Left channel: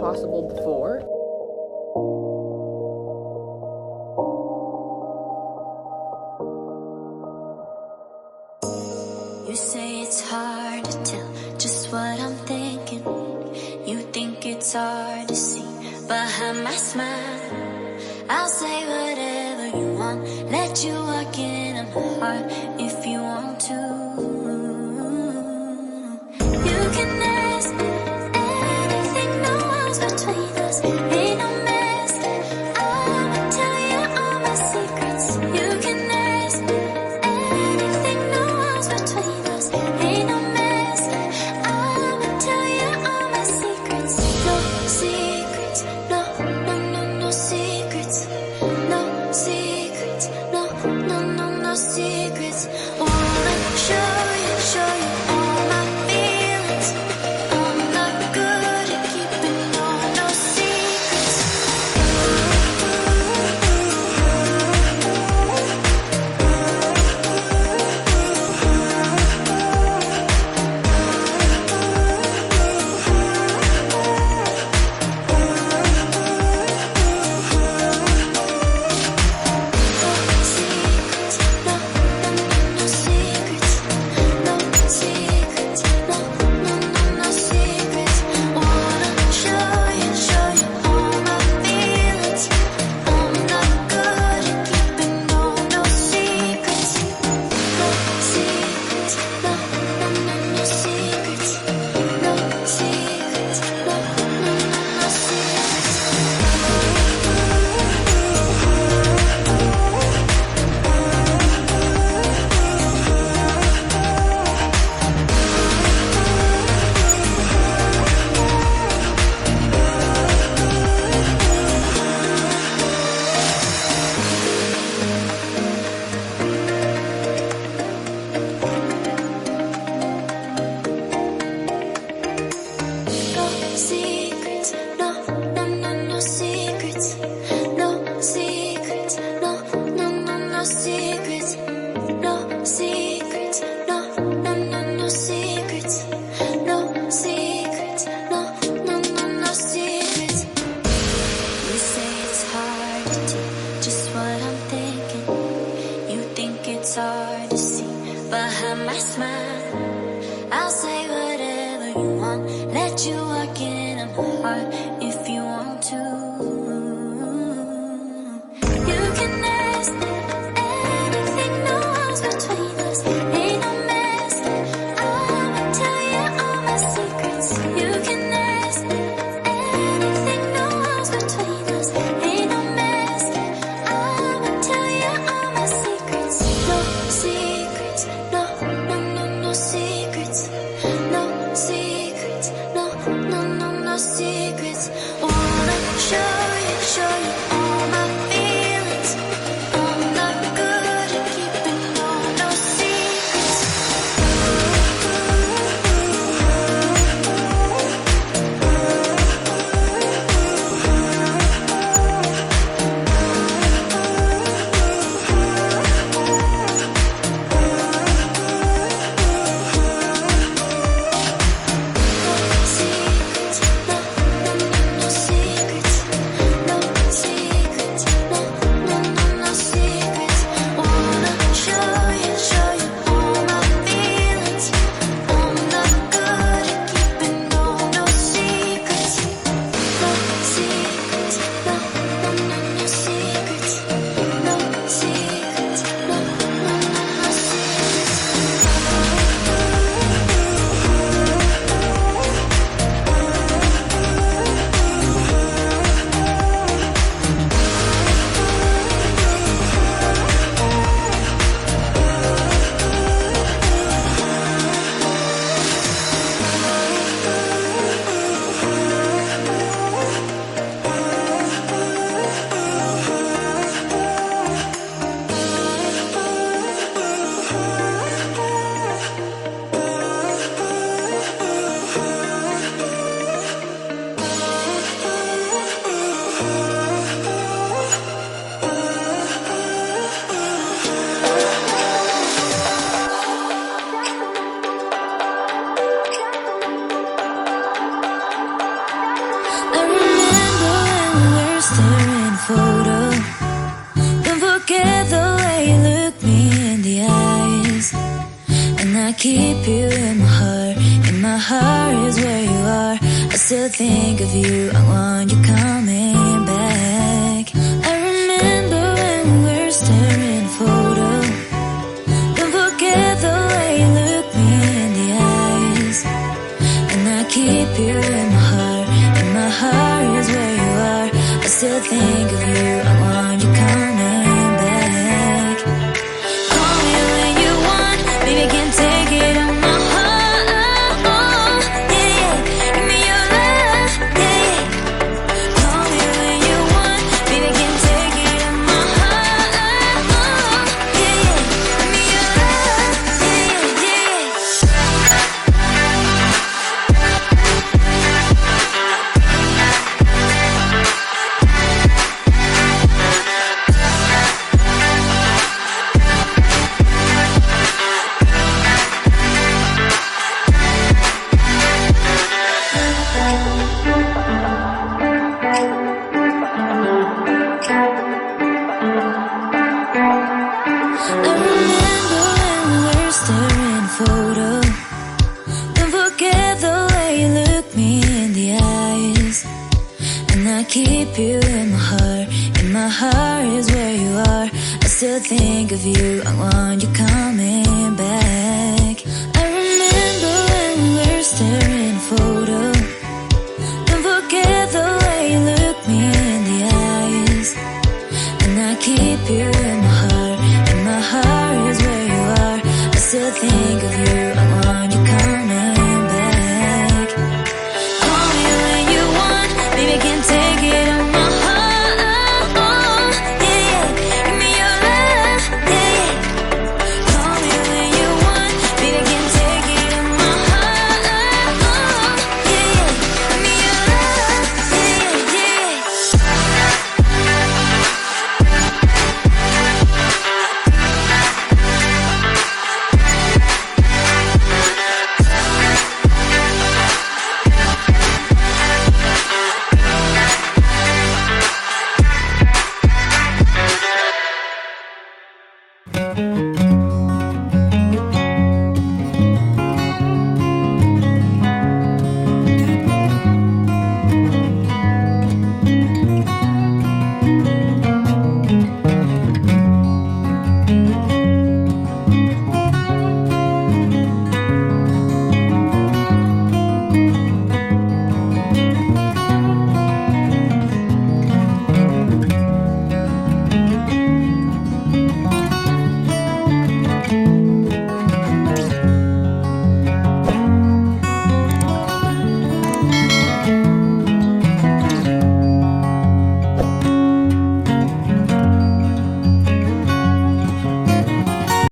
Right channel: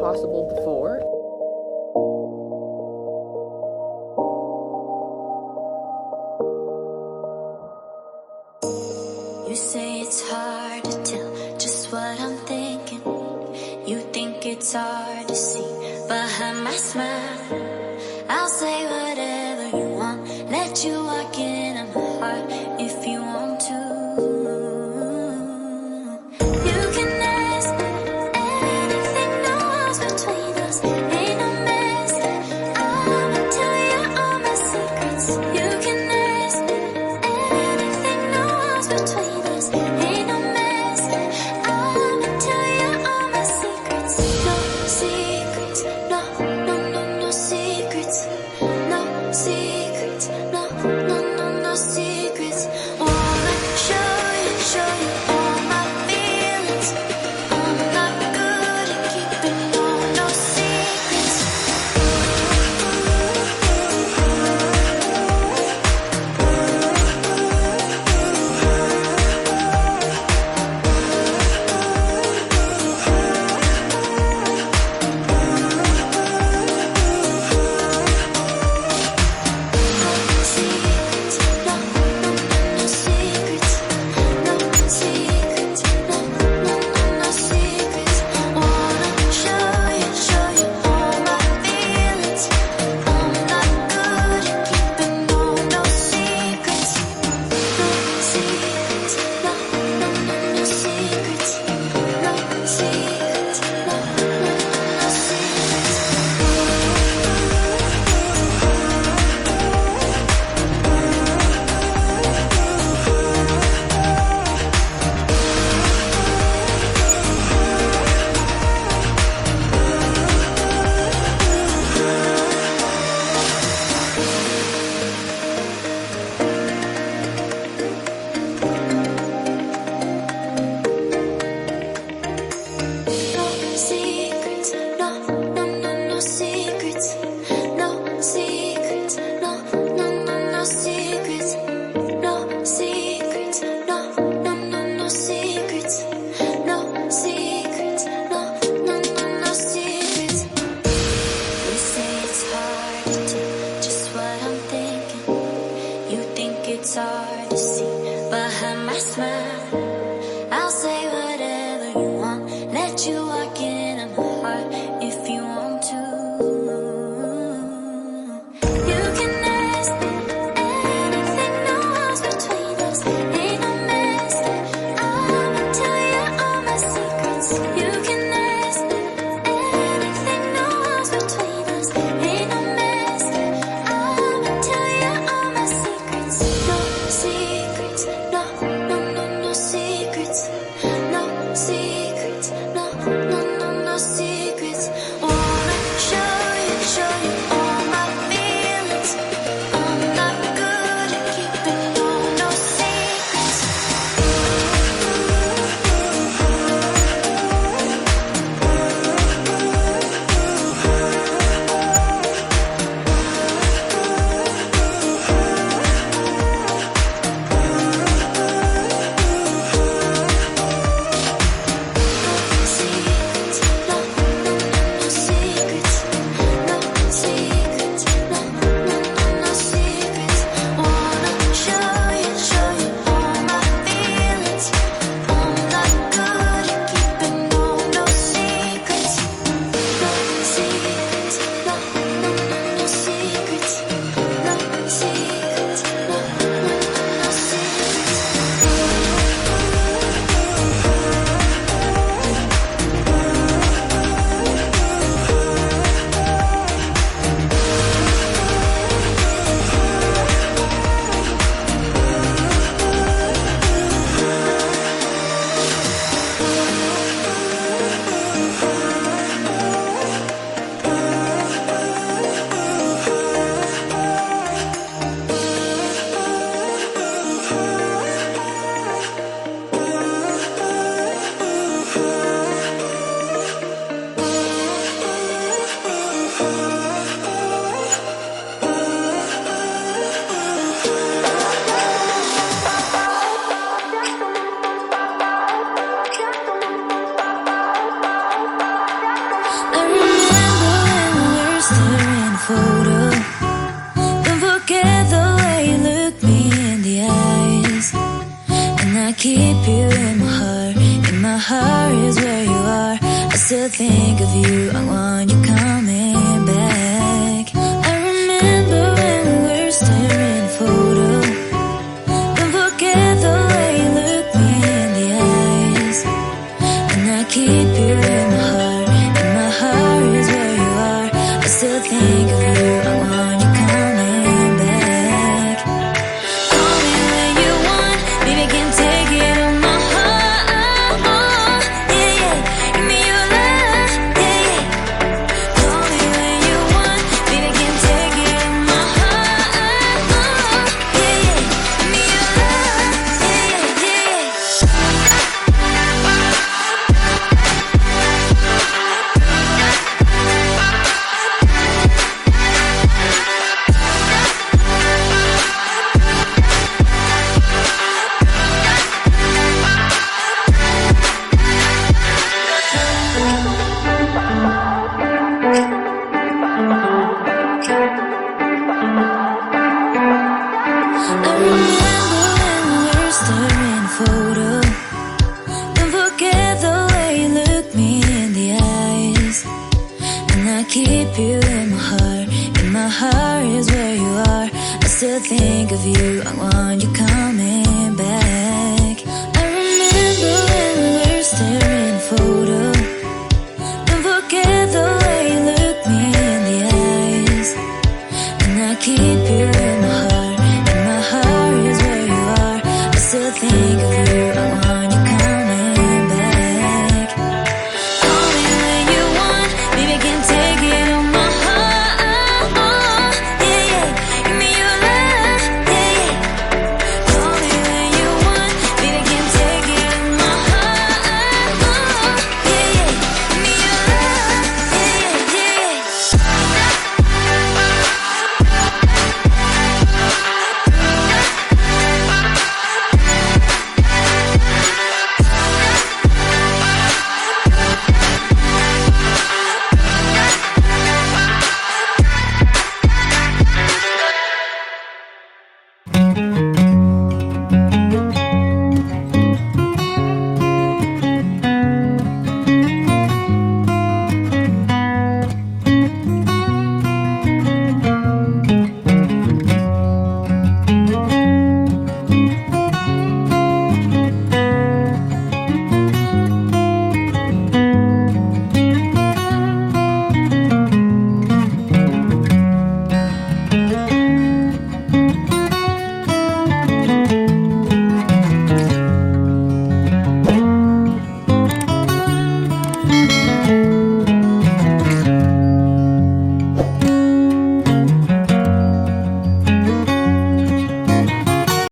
possible before. You say it's hard to tell just what I'm thinking. You think it's hard to see behind my smile. I'll say whatever you want, let you walk into my heart if you want to. You can ask me anything, no walls between us, ain't no mask. I'ma tell you all my secrets. You can ask me anything, no walls between us, ain't no mask. I'ma tell you all my secrets. No secrets, no, no, no, no secrets. No secrets, no, no, no, no secrets. Wanna show you all my feelings. I'm not good at keeping no secrets. It's hard to see behind my smile. I'll say whatever you want, let you walk into my heart if you want to. You can ask me anything, no walls between us, ain't no mask. I'ma tell you all my secrets. You can ask me anything, no walls between us, ain't no mask. I'ma tell you all my secrets. No secrets, no, no, no, no secrets. No secrets, no, no, no, no secrets. Wanna show you me in the eyes. And I keep you in my heart. In my heart is where you are. I still think of you. I want you coming back. I remember when we were staring at a photo. Don't forget the way you look me in the eyes. And I keep you in my heart. In my heart is where you are. I still think of you. I want you coming back. Call me when you want. Baby, I can take it on my heart. Yeah, yeah. Give me your love. Yeah, yeah. Call me when you want. Baby, I can take it on my heart. Yeah, yeah. Give me your love. Yeah, yeah, yeah. I remember when we were staring at a photo. Don't forget the way you look me in the eyes. And I keep you in my heart. In my heart is where you are. I still think of you. I want you coming back. I remember when we were staring at a photo. Don't forget the way you look me in the eyes. And I keep you in my heart. In my heart is where you are. I still think